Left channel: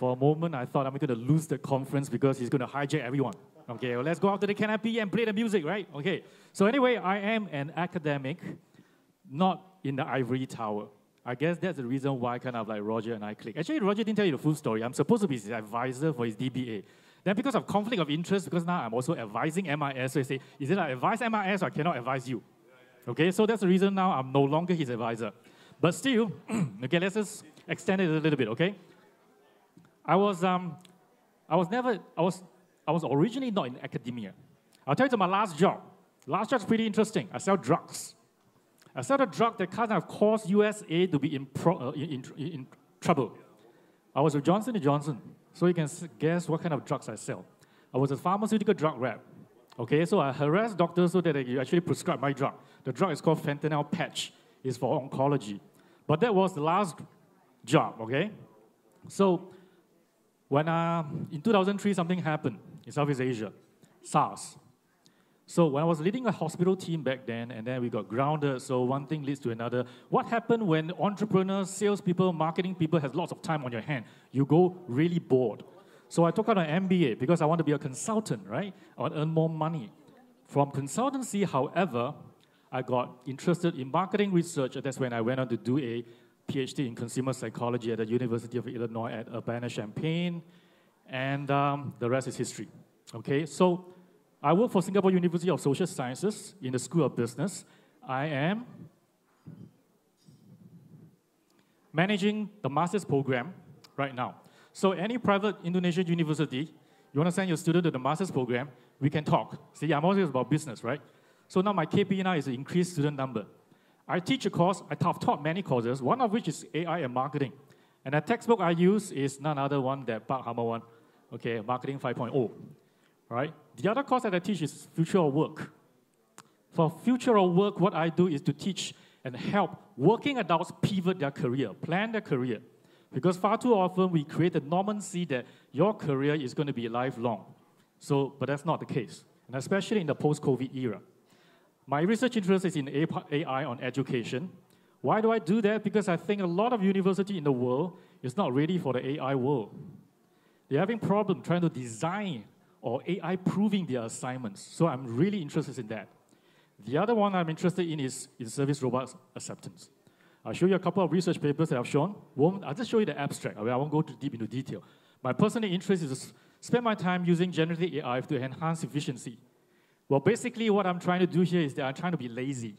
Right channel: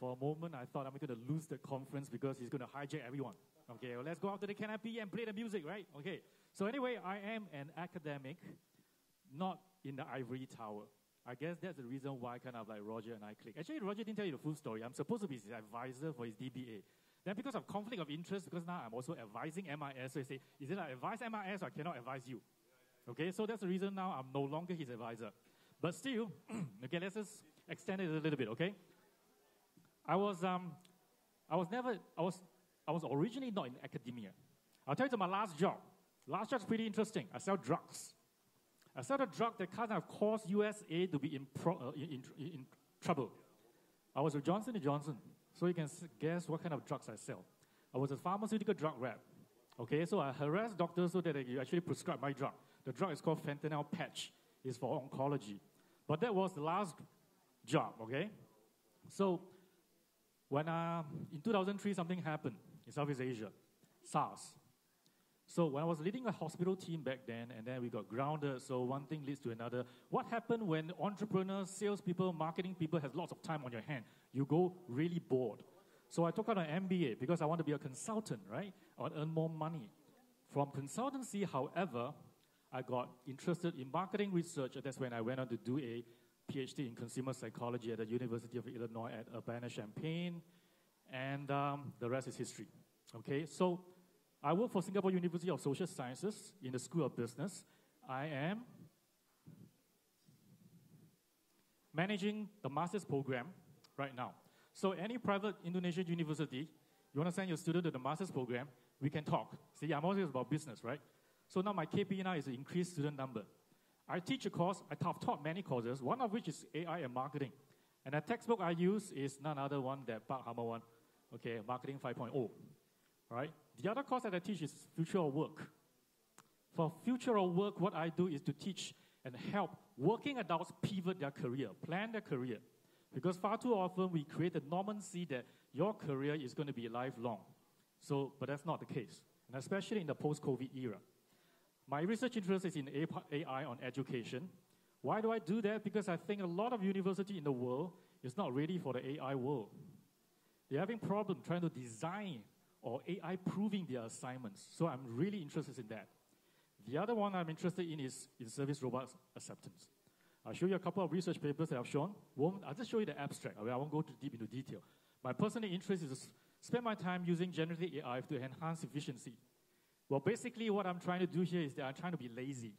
For a moment, I thought I'm going to lose the conference because he's going to hijack everyone. Okay, well, let's go out to the canopy and play the music, right? Okay. So anyway, I am an academic, not in the ivory tower. I guess that's the reason why kind of like Roger and I click. Actually, Roger didn't tell you the full story. I'm supposed to be his advisor for his DBA. Then because of conflict of interest, because now I'm also advising MIS, so I say, is it I advise MIS or I cannot advise you? Okay, so that's the reason now I'm no longer his advisor. But still, okay, let's just extend it a little bit, okay? I was originally not in academia. I'll tell you my last job. Last job's pretty interesting. I sell drugs. I sell a drug that kind of caused USA to be in trouble. I was with Johnson & Johnson, so you can guess what kind of drugs I sell. I was a pharmaceutical drug rep. Okay, so I harassed doctors so that they actually prescribe my drug. The drug is called fentanyl patch. It's for oncology. But that was the last job, okay? So when in 2003, something happened in Southeast Asia, SARS. So when I was leading a hospital team back then, and then we got grounded, so one thing leads to another. What happened when entrepreneurs, salespeople, marketing people has lots of time on your hand? You go really bored. So I took out an MBA because I want to be a consultant, right? I want to earn more money. From consultancy, however, I got interested in marketing research. That's when I went on to do a PhD in consumer psychology at the University of Illinois at Urbana-Champaign, and the rest is history. Okay, so I work for Singapore University of Social Sciences in the School of Business. I am managing the master's program right now. So any private Indonesian university, you want to send your student to the master's program, we can talk. See, I'm always about business, right? So now my KPI now is to increase student number. I teach a course, I've taught many courses, one of which is AI and marketing. And the textbook I use is none other one than Park Hammer one, okay, Marketing 5.0, right? The other course that I teach is Future of Work. For Future of Work, what I do is to teach and help working adults pivot their career, plan their career. Because far too often we create the normancy that your career is going to be lifelong. So, but that's not the case, and especially in the post-COVID era. My research interest is in AI on education. Why do I do that? Because I think a lot of universities in the world is not ready for the AI world. They're having problems trying to design or AI proving their assignments. So I'm really interested in that. The other one I'm interested in is in-service robot acceptance. I'll show you a couple of research papers that I've shown. I'll just show you the abstract. I won't go too deep into detail. My personal interest is to spend my time using generative AI to enhance efficiency. Well, basically what I'm trying to do here is that I'm trying to be lazy.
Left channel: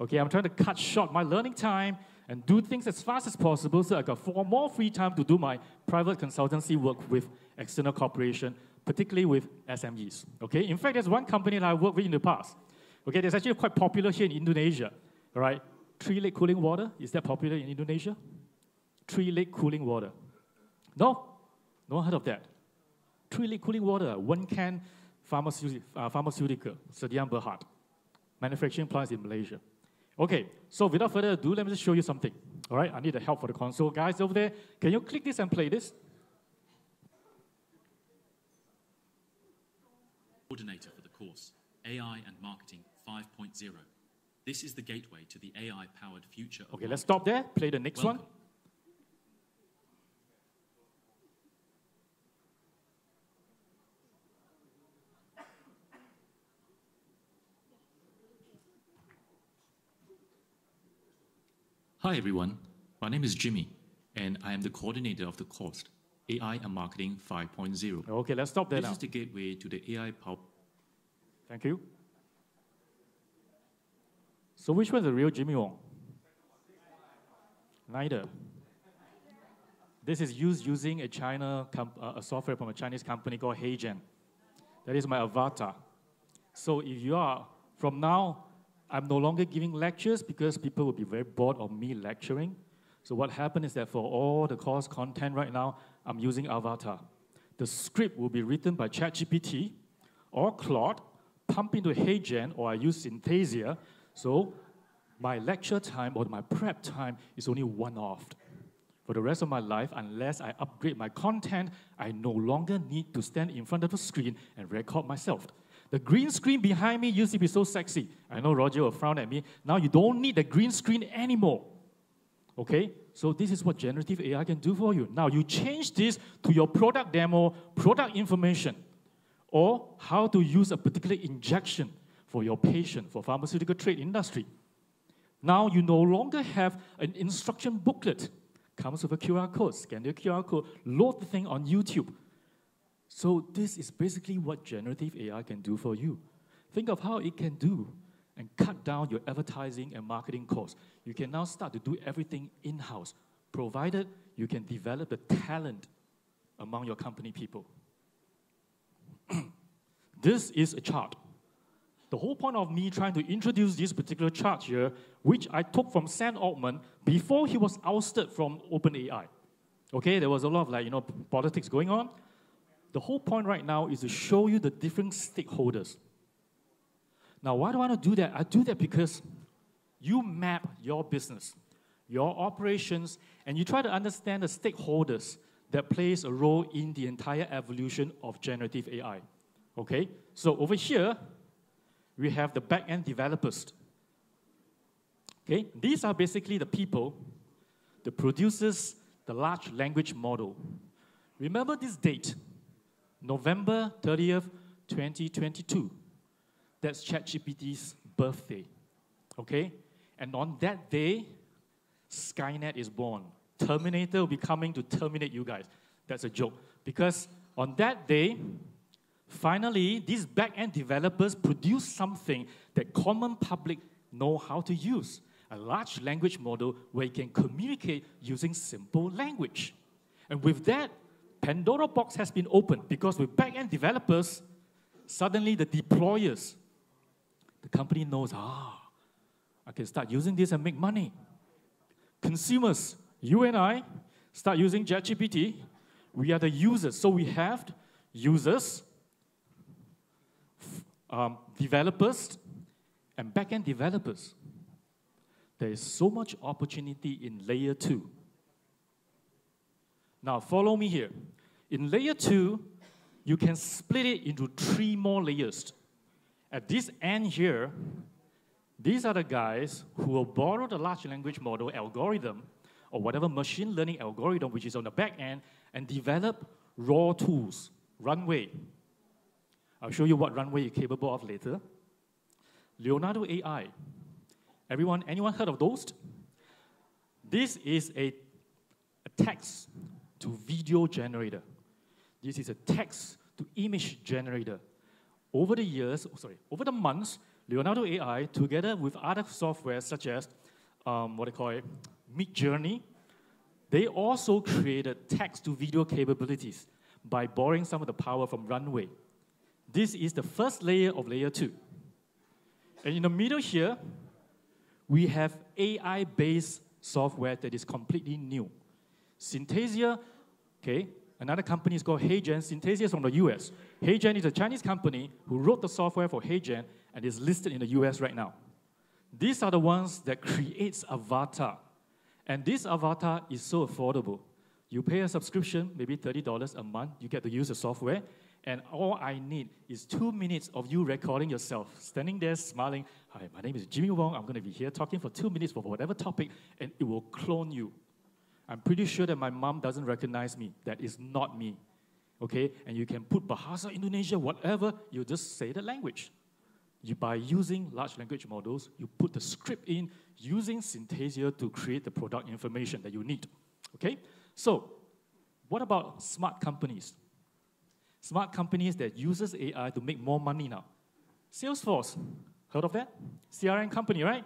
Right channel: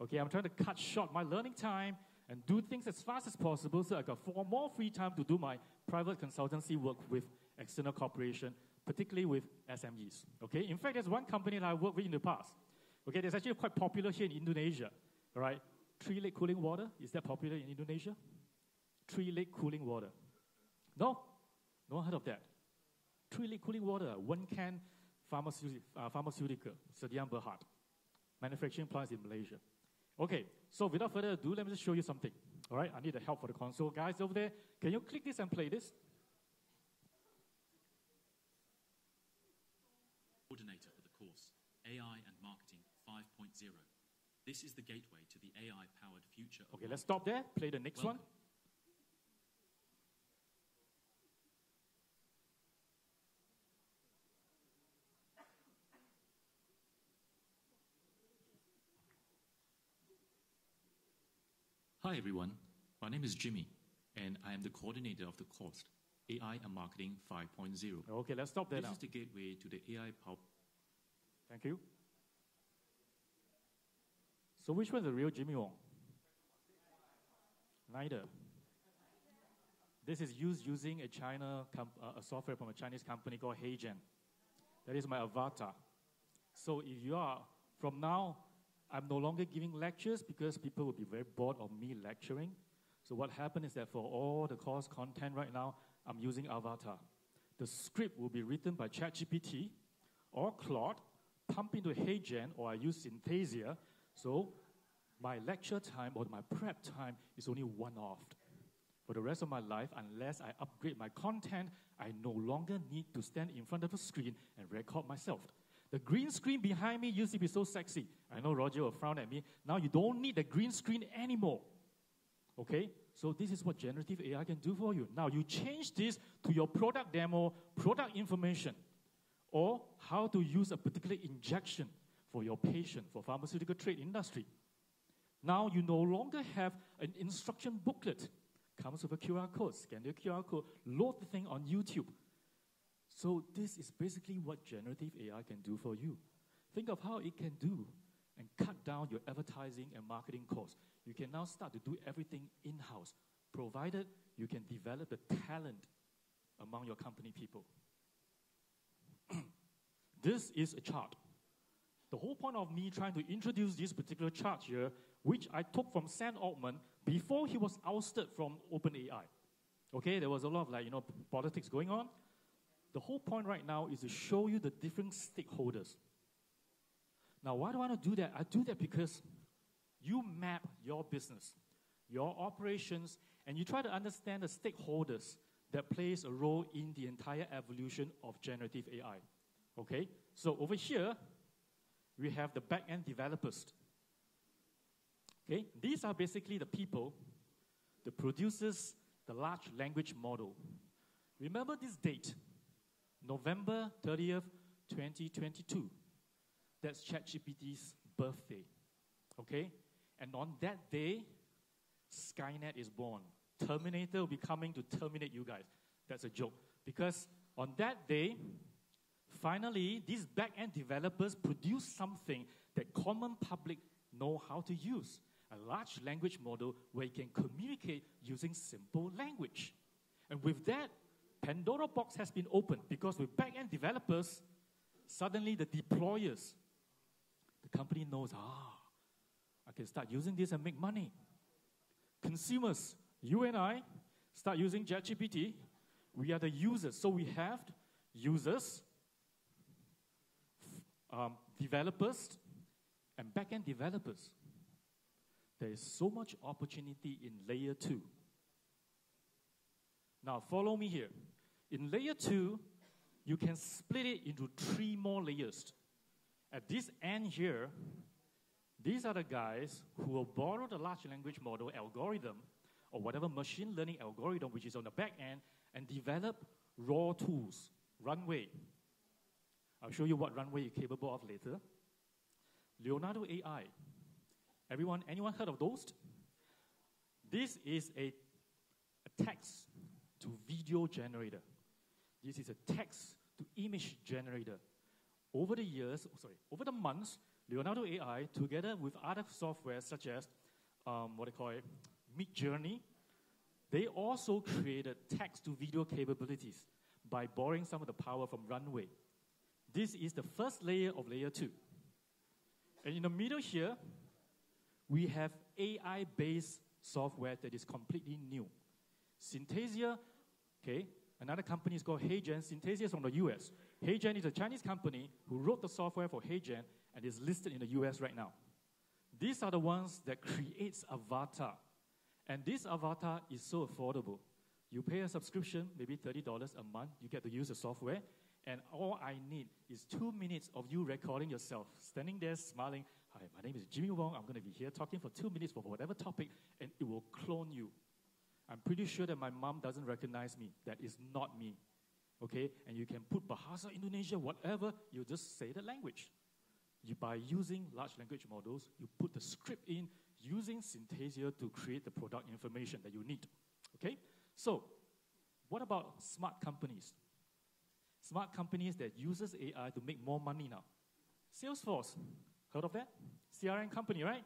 Okay, I'm trying to cut short my learning time and do things as fast as possible so I got more free time to do my private consultancy work with external corporation, particularly with SMEs. Okay, in fact, there's one company that I worked with in the past. Okay, that's actually quite popular here in Indonesia. All right, tree-lake cooling water, is that popular in Indonesia? Tree-lake cooling water. No? No one heard of that. Tree-lake cooling water, one can pharmaceutical, Sediam Berhad. Manufacturing plants in Malaysia. Okay, so without further ado, let me just show you something. All right, I need the help for the console. Guys over there, can you click this and play this? Coordinator for the course, AI and Marketing 5.0. This is the gateway to the AI-powered future of Okay, let's stop there. Play the next one. Hi everyone, my name is Jimmy, and I am the coordinator of the course, AI and Marketing 5.0. Okay, let's stop there now. This is the gateway to the AI power. Thank you. So which one's the real Jimmy Wong? Neither. This is using a software from a Chinese company called HeyGen. That is my avatar. So if you are, from now, I'm no longer giving lectures because people will be very bored of me lecturing. So what happened is that for all the course content right now, I'm using Avatar. The script will be written by ChatGPT or Claude, pump into HeyGen, or I use Synthesia. So my lecture time or my prep time is only one-off. For the rest of my life, unless I upgrade my content, I no longer need to stand in front of a screen and record myself. The green screen behind me used to be so sexy. I know Roger will frown at me. Now you don't need the green screen anymore. Okay? So this is what generative AI can do for you. Now you change this to your product demo, product information, or how to use a particular injection for your patient, for pharmaceutical trade industry. Now you no longer have an instruction booklet. Comes with a QR code, scan the QR code, load the thing on YouTube. So this is basically what generative AI can do for you. Think of how it can do and cut down your advertising and marketing costs. You can now start to do everything in-house, provided you can develop the talent among your company people. This is a chart. The whole point of me trying to introduce this particular chart here, which I took from Sam Altman before he was ousted from OpenAI. Okay, there was a lot of politics going on. The whole point right now is to show you the different stakeholders. Now, why do I want to do that? I do that because you map your business, your operations, and you try to understand the stakeholders that plays a role in the entire evolution of generative AI. Okay? So over here, we have the back-end developers. Okay? These are basically the people that produces the large language model. Remember this date, November 30th, 2022. That's ChatGPT's birthday, okay? And on that day, Skynet is born. Terminator will be coming to terminate you guys. That's a joke. Because on that day, finally, these back-end developers produce something that common public know how to use. A large language model where you can communicate using simple language. And with that, Pandora box has been opened because with back-end developers, suddenly the deployers, the company knows, I can start using this and make money. Consumers, you and I, start using ChatGPT. We are the users. So we have users, developers, and back-end developers. There is so much opportunity in layer 2. Now, follow me here. In layer 2, you can split it into 3 more layers. At this end here, these are the guys who will borrow the large language model algorithm or whatever machine learning algorithm which is on the back end and develop raw tools, Runway. I'll show you what Runway is capable of later. Leonardo AI. Anyone heard of those? This is a text to video generator. This is a text to image generator. Over the months, Leonardo AI, together with other software such as Midjourney, they also created text to video capabilities by borrowing some of the power from Runway. This is the first layer of layer 2. And in the middle here, we have AI-based software that is completely new. Synthesia, okay, another company is called HeyGen. Synthesia is from the US. HeyGen is a Chinese company who wrote the software for HeyGen and is listed in the US right now. These are the ones that creates avatar. And this avatar is so affordable. You pay a subscription, maybe $30 a month, you get to use the software, and all I need is 2 minutes of you recording yourself, standing there smiling, "Hi, my name is Jimmy Wong, I'm going to be here talking for 2 minutes for whatever topic," and it will clone you. I'm pretty sure that my mom doesn't recognize me. That is not me, okay? And you can put Bahasa Indonesia, whatever, you just say the language. By using large language models, you put the script in using Synthesia to create the product information that you need, okay? So, what about smart companies? Smart companies that uses AI to make more money now. Salesforce, heard of that? CRM company, right?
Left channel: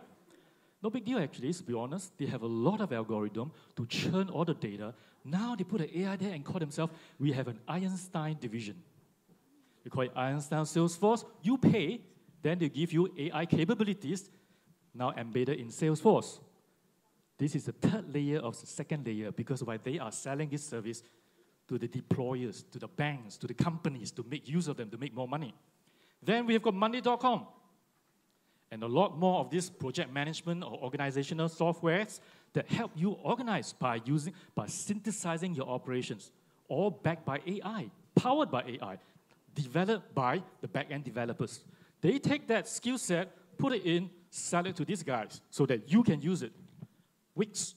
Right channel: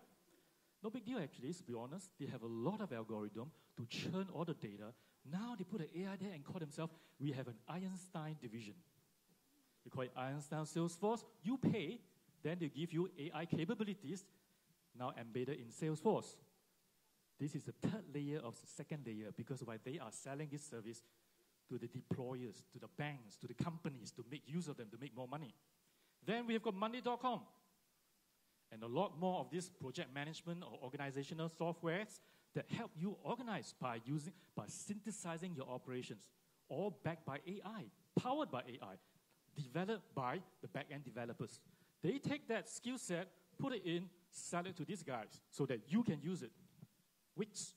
No big deal, actually, to be honest. They have a lot of algorithm to churn all the data. Now they put an AI there and call themselves, we have an Einstein division. We call it Einstein Salesforce. You pay, then they give you AI capabilities, now embedded in Salesforce. This is the third layer of the second layer because why they are selling this service to the deployers, to the banks, to the companies to make use of them, to make more money. Then we have got Monday.com. And a lot more of this project management or organizational softwares that help you organize by synthesizing your operations, all backed by AI, powered by AI, developed by the back-end developers. They take that skill set, put it in, sell it to these guys so that you can use it. Wix.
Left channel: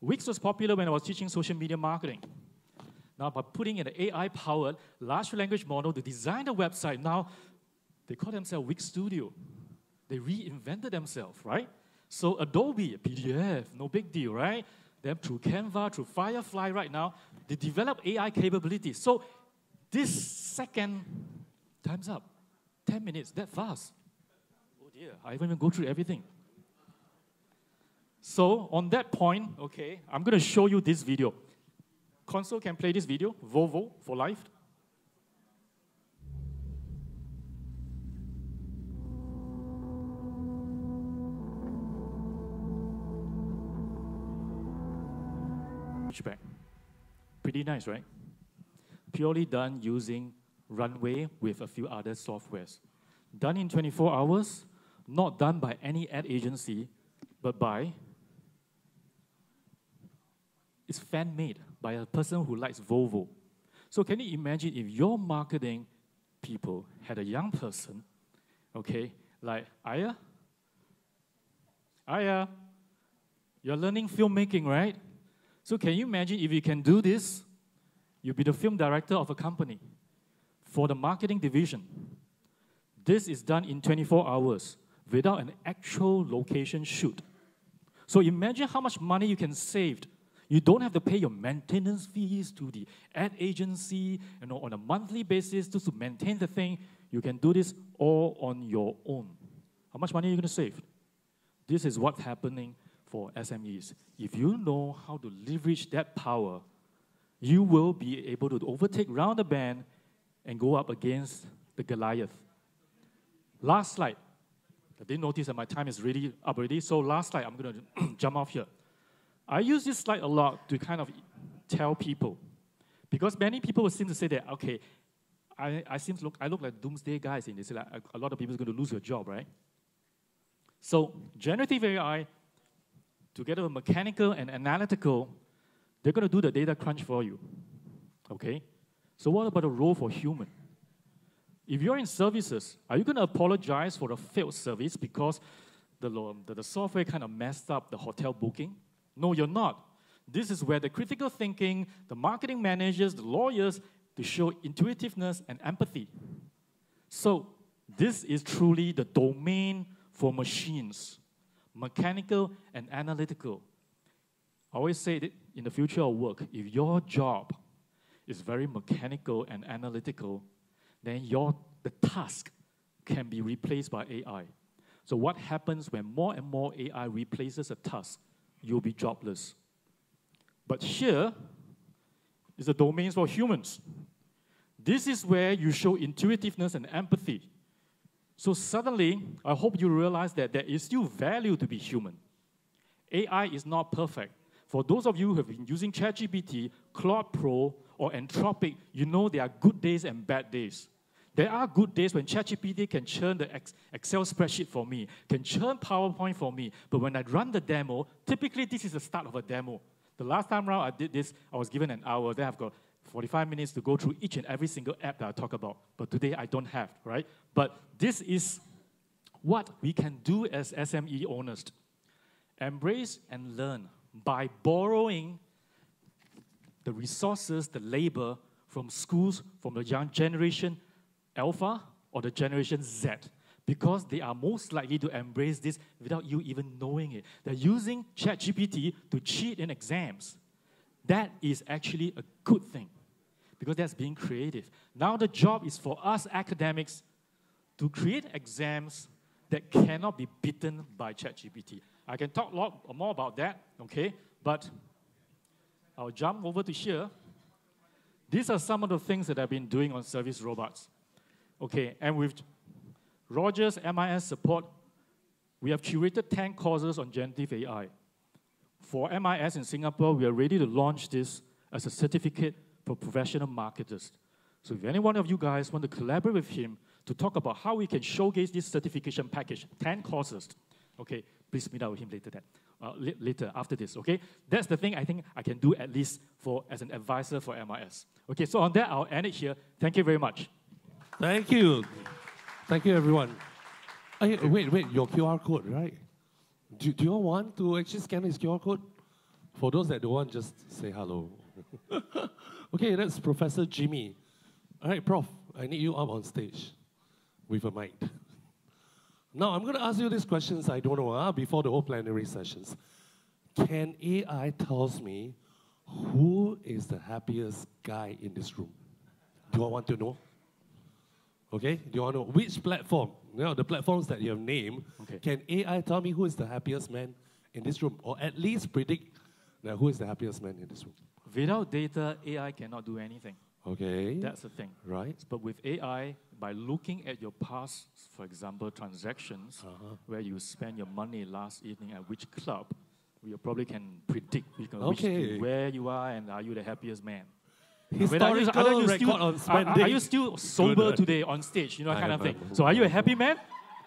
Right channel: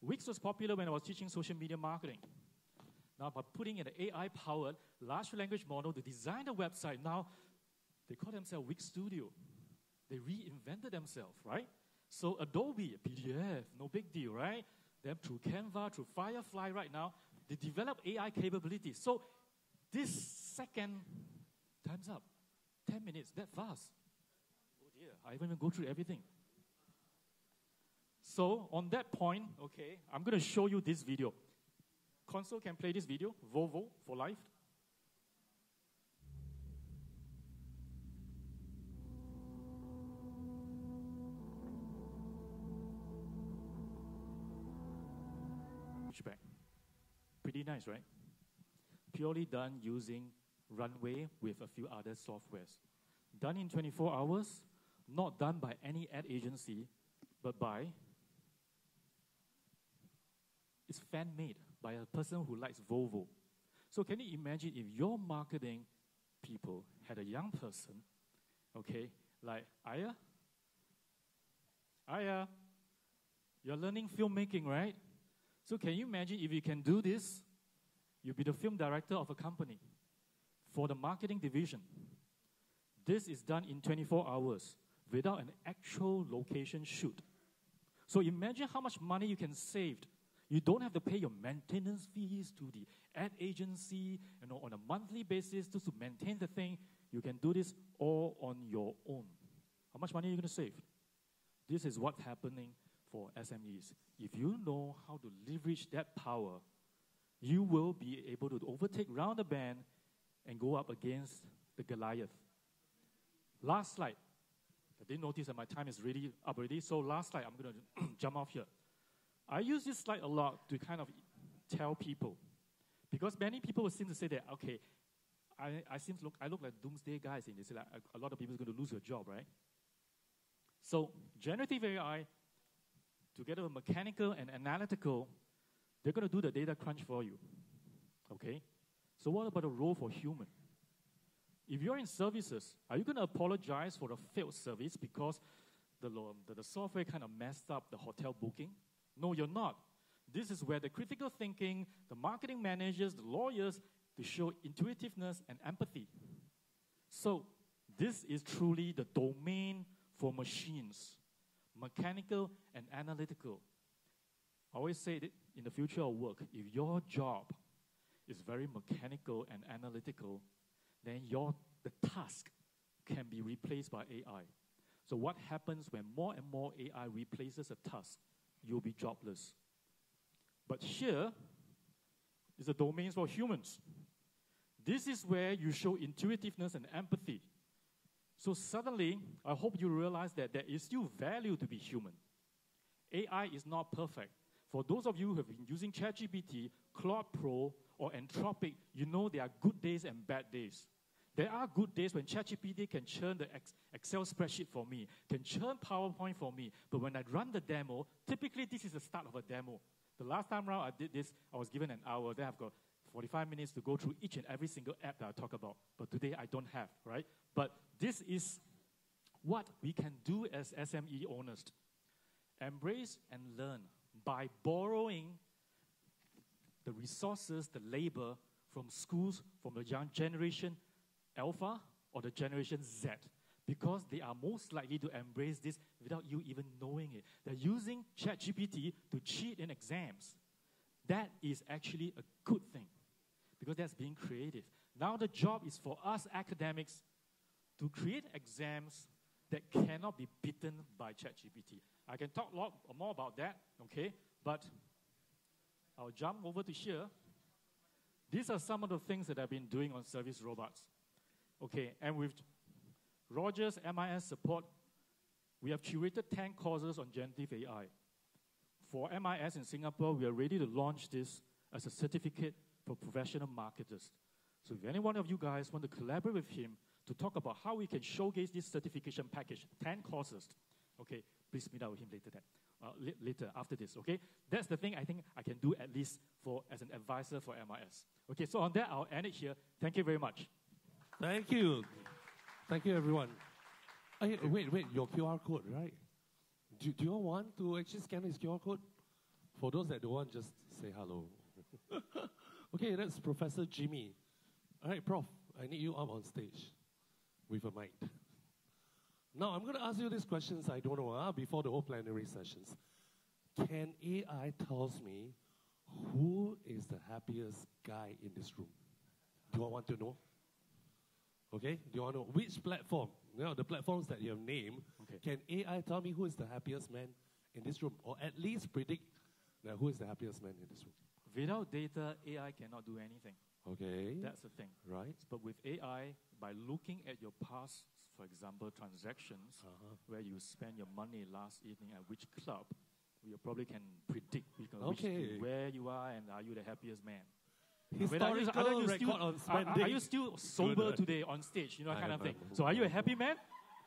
Wix was popular when I was teaching social media marketing. Now, by putting in an AI-powered large language model to design the website, now they call themselves Wix Studio. They reinvented themselves, right? So Adobe, PDF, no big deal, right? Then through Canva, through Firefly right now, they develop AI capabilities. So this second, time's up. 10 minutes, that fast. Oh dear, I haven't even go through everything. So on that point, okay, I'm going to show you this video. Console can play this video, Volvo for life. Back. Pretty nice, right? Purely done using Runway with a few other softwares. Done in 24 hours, not done by any ad agency, but by, it's fan-made by a person who likes Volvo. So can you imagine if your marketing people had a young person, okay, like Aya? Aya, you're learning filmmaking, right? So can you imagine if you can do this, you'll be the film director of a company for the marketing division. This is done in 24 hours without an actual location shoot. So imagine how much money you can save. You don't have to pay your maintenance fees to the ad agency, on a monthly basis just to maintain the thing. You can do this all on your own. How much money are you going to save? This is what's happening for SMEs. If you know how to leverage that power, you will be able to overtake round the bend and go up against the Goliath. Last slide. I didn't notice that my time is really up already, so last slide, I'm going to jump off here. I use this slide a lot to kind of tell people, because many people will seem to say that, okay, I look like doomsday guys, and they say like, a lot of people are going to lose your job, right? So generative AI, together with mechanical and analytical, they're going to do the data crunch for you, okay? So what about the role for human? If you're in services, are you going to apologize for a failed service because the software kind of messed up the hotel booking? No, you're not. This is where the critical thinking, the marketing managers, the lawyers, to show intuitiveness and empathy. So this is truly the domain for machines, mechanical and analytical. I always say that in the future of work, if your job is very mechanical and analytical, then the task can be replaced by AI. So what happens when more and more AI replaces a task? You'll be jobless. But here is the domains for humans. This is where you show intuitiveness and empathy. So suddenly, I hope you realize that there is still value to be human. AI is not perfect. For those of you who have been using ChatGPT, Claude Pro, or Anthropic, you know there are good days and bad days. There are good days when ChatGPT can churn the Excel spreadsheet for me, can churn PowerPoint for me, but when I run the demo, typically this is the start of a demo. The last time around I did this, I was given an hour, then I've got 45 minutes to go through each and every single app that I talk about. But today I don't have, right? But this is what we can do as SME owners. Embrace and learn by borrowing the resources, the labor from schools, from the young generation Alpha or the generation Z, because they are most likely to embrace this without you even knowing it. They're using ChatGPT to cheat in exams. That is actually a good thing, because that's being creative. Now the job is for us academics to create exams that cannot be beaten by ChatGPT. I can talk a lot more about that, okay? But I'll jump over to here. These are some of the things that I've been doing on service robots. Okay, and with Roger's MIS support, we have curated 10 courses on generative AI. For MIS in Singapore, we are ready to launch this as a certificate for professional marketers. So if any one of you guys want to collaborate with him to talk about how we can showcase this certification package, 10 courses, okay, please meet up with him later after this, okay? That's the thing I think I can do at least as an advisor for MIS. Okay, so on that, I'll end it here. Thank you very much. Thank you. Thank you, everyone. Wait, your QR code, right? Do you all want to actually scan his QR code For those that don't want, just say hello. Okay, that's Professor Jimmy. All right, Prof, I need you up on stage with a mic. Now, I'm going to ask you these questions I don't know before the whole plenary sessions. Can AI tells me who is the happiest guy in this room? Do you want to know? Okay, do you want to know which platform? You know, the platforms that you have named, Okay. can AI tell me who is the happiest man in this room? Or at least predict who is the happiest man in this room? Without data, AI cannot do anything. Okay. That's the thing. Right. But with AI, by looking at your past, for example, transactions, where you spend your money last evening at which club, you probably can predict where you are and are you the happiest man. Historical record on spending. Are you still sober today on stage? You know, that kind of thing. So are you a happy man?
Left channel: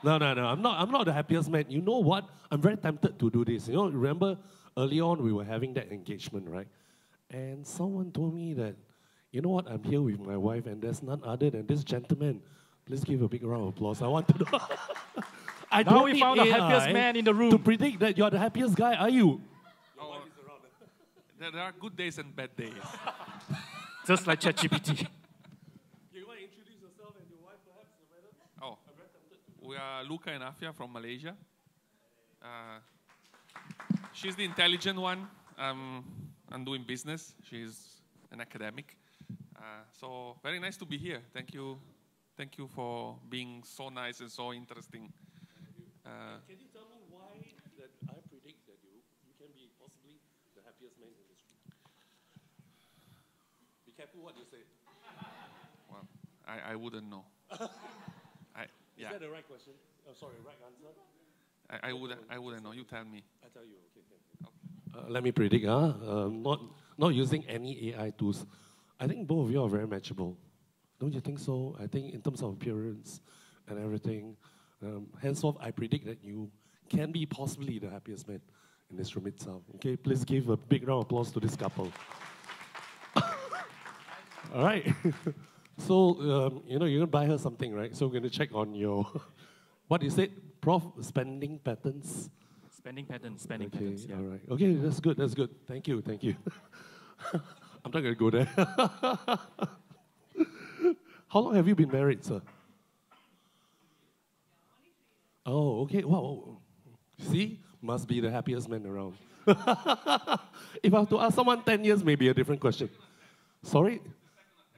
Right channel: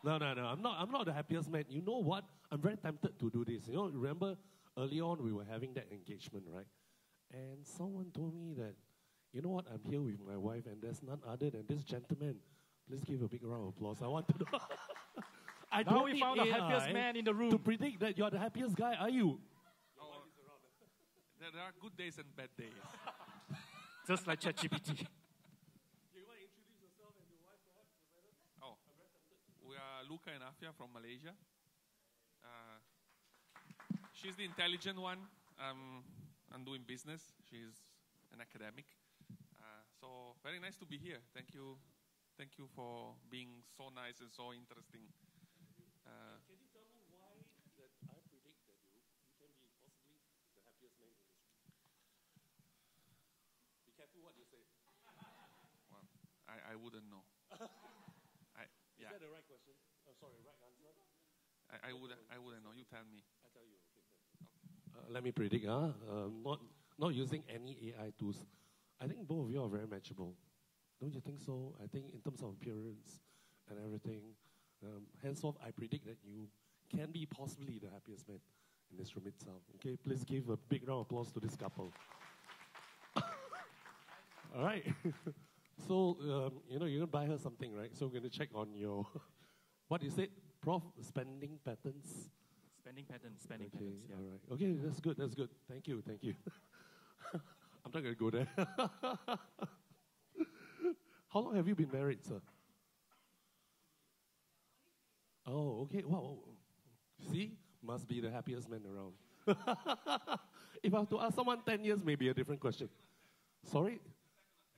No. I'm not the happiest man. You know what? I'm very tempted to do this. You know, remember early on we were having that engagement, right? And someone told me that, you know what? I'm here with my wife, and there's none other than this gentleman. Please give a big round of applause. I want to know. I now don't we need found the AI happiest man in the room. to predict that you're the happiest guy. Are you? There are good days and bad days. Just like ChatGPT. You want to introduce yourself and your wife, perhaps, madam? Oh, we are Luca and Afia from Malaysia. She's the intelligent one. I'm doing business. She's an academic. So very nice to be here. Thank you for being so nice and so interesting. Can you tell me why that I predict that you can be possibly the happiest man in this room? Be careful what you say. Well, I wouldn't know. Is that the right question? Oh, sorry, right answer? I wouldn't know. You tell me. I tell you, okay. Let me predict, not using any AI tools. I think both of you are very matchable. Don't you think so? I think in terms of appearance and everything, henceforth, I predict that you can be possibly the happiest man in this room itself. Okay, please give a big round of applause to this couple. All right. So, you're going to buy her something, right? So we're going to check on your, what you said, Prof, spending patterns. Spending patterns, yeah. All right. Okay, that's good. Thank you. I'm not going to go there. How long have you been married, sir? Oh, okay. Wow. See? Must be the happiest man around. If I have to ask someone 10 years, maybe a different question. Sorry?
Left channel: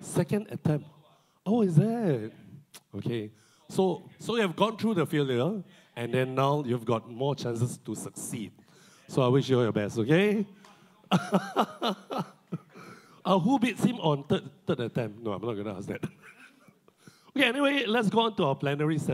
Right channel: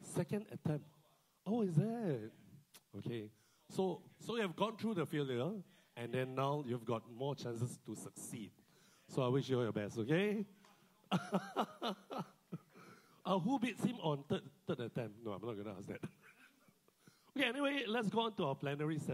Second attempt. Oh, is that? Okay. So you have gone through the failure, and then now you've got more chances to succeed. So I wish you all your best, okay? Who beats him on third attempt? No, I'm not going to ask that. Okay, anyway, let's go on to our plenary session.